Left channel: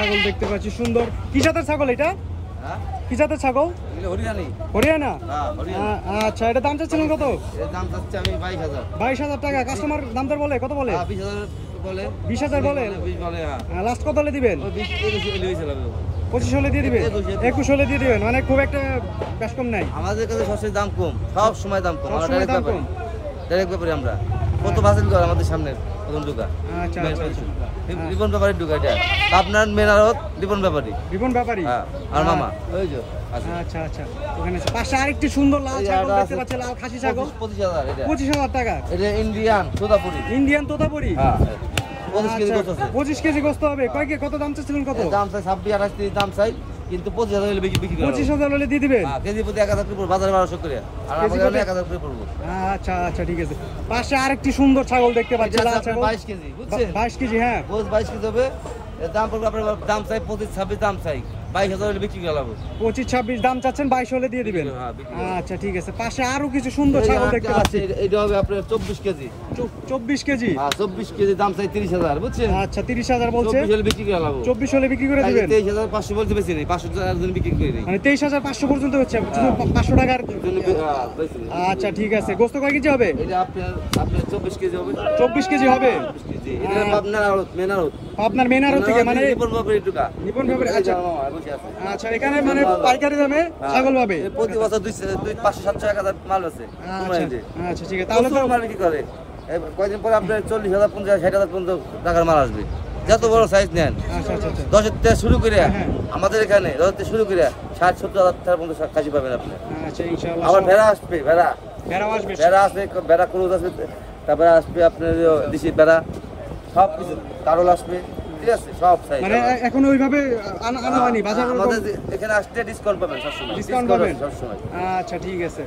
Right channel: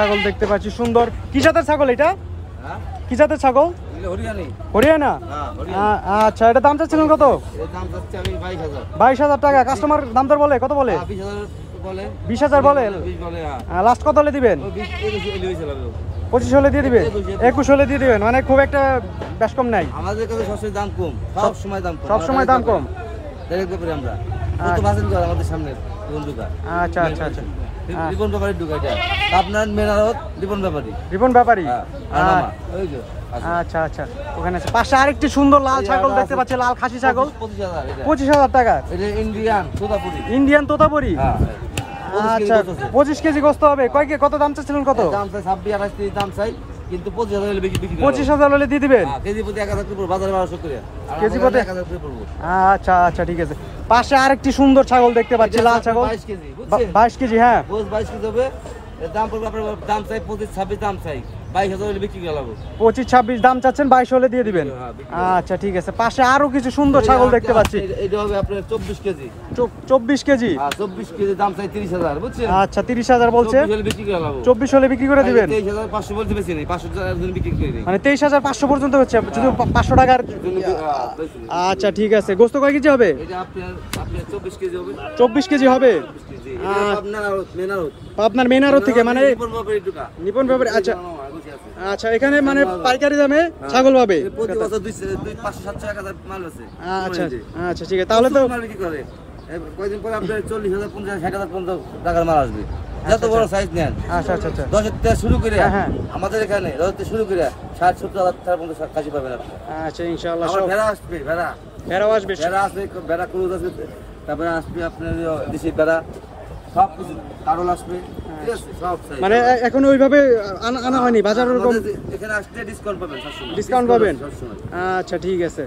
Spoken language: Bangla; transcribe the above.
ছাগল দেখতে পাচ্ছি সুন্দর। কি জাতের ছাগল এটা? কি জাতের ছাগল? হরিয়ানা। আচ্ছা, এটা দাম চাচ্ছিলেন কত? 22,000 টাকা। কাস্টমার দাম দর বলে কত বলে? 20,000 বলে। লাস্ট কত হলে দিবেন? 25 হলে দিয়ে দিবেন, 21 হলে দিয়ে দিবেন। মানে খুব একটা বেশ কম নাই আমাদের কাছে সবসময় দাম কম, সব সময় দাম কম, সব সময় দাম কম। ডাইরেক্ট ব্যাপারে আমরা কত বাজেট করে আমাদের সামনে দোকান। আচ্ছা আচ্ছা আচ্ছা। রিপন ব্যাপারী ঢুকা এটা আপনার মেনারত রিপন ব্যাপারী। রিপন ব্যাপারী আর মামা ওই যে। আচ্ছা আচ্ছা, ওখানে আছে। পাশে আরেকটি সুন্দর লাল ছাগল দেখতে পাচ্ছি, লাল খাসি ছাগল। 25,000 টাকা। এটা ইন্ডিয়ান তোতাপুরি। ইন্ডিয়ান তোতাপুরি। হ্যাঁ, আচ্ছা, 25 কেজি গোস্ত হবে। কত দাম চাচ্ছিলেন? কত দাম চাই? 26-28 দাম চাই, কিন্তু 25,000 হলে বিক্রি। 25,000 হলে দিয়ে দিবেন। কেজি প্রতি 1,000 করে বাজারে 1200 করে, আর কেজি আমাদের প্রতি 1,000 করে পড়বো। আচ্ছা আচ্ছা, ঠিক আছে। পাশে আরেকটি সুন্দর ছাগল দেখতে পাচ্ছি, লাল ছাগল। 22 কেজি, বুঝছেন? 22 কেজি, হ্যাঁ। 22 কেজি হবে। এর দাম পড়বে আপনার, দাম চাই 25-26 দাম চাই, 22,000 হলে বিক্রি করে লাগবে। 25-26 দাম চাচ্ছেন, 22 হলে দিয়ে দিবেন। আচ্ছা, ঠিক আছে। পাশে আরো কিছু সুন্দর ছাগল দেখতে পাচ্ছি। এটা হবে আপনার 24 কেজি। 24 কেজি? হ্যাঁ, 24 কেজি দাম চাই 30,000, বুঝছেন? আচ্ছা, 30,000 বলছে। 24 হলে বিক্রি করে লাগবে। 24 হলে বিক্রি করে দিবেন। 23,500 বলতে বেশি নেই, 500 টাকার জন্য বিক্রি করে দিই। মানে 23,500 পর্যন্ত হচ্ছে, শুধু 500 টাকার। আচ্ছা, ঠিক আছে। গোস্ত কয় কেজি হবে? এটা আপনার 24 কেজি হবে। 24 কেজি হবে। 24 কেজি। এটা আপনার মেনারত। আপনার মেনারত থেকে, মানে রিপন ব্যাপারী ঢুকা। নিপন ব্যাপারী। আচ্ছা আচ্ছা, এখানে মানে পাইকারি দামে ছাগল পাবে। প্রতি বছর 500-700 মাল আছে। আচ্ছা আচ্ছা, ঠিক আছে। তাহলে তো মাল কি করে কয়দিন পরে আপনার 40,000, 50,000, 60,000 পর্যন্ত টাকার মাল আসবে, যত বড় সাইজ নেন। আচ্ছা আচ্ছা আচ্ছা, 10 থেকে শুরু করে হ্যাঁ। আমাদের এখানে 10 থেকে শুরু করে 60-70,000 টাকার পর্যন্ত খাসি পাবেন আপনি। আচ্ছা, ইনশাআল্লাহ। আমার ভেড়া আসবে, ভেড়াও আসবে। ভেড়া আসবে, ভেড়া ক্রুজ আছে, তারপরে আসবে আপনার দেশি ভেড়া, সব কিছু কারল আসবে, ঠিক আছে? সব সাইজ মানে এখন ওইভাবে আনা হয়নি বাজার। আমাদের এখানে আসলে ডিসকাউন্ট পাবেন সবসময়। ডিসকাউন্ট পাবেন সবসময়। আচ্ছা, ঠিক আছে।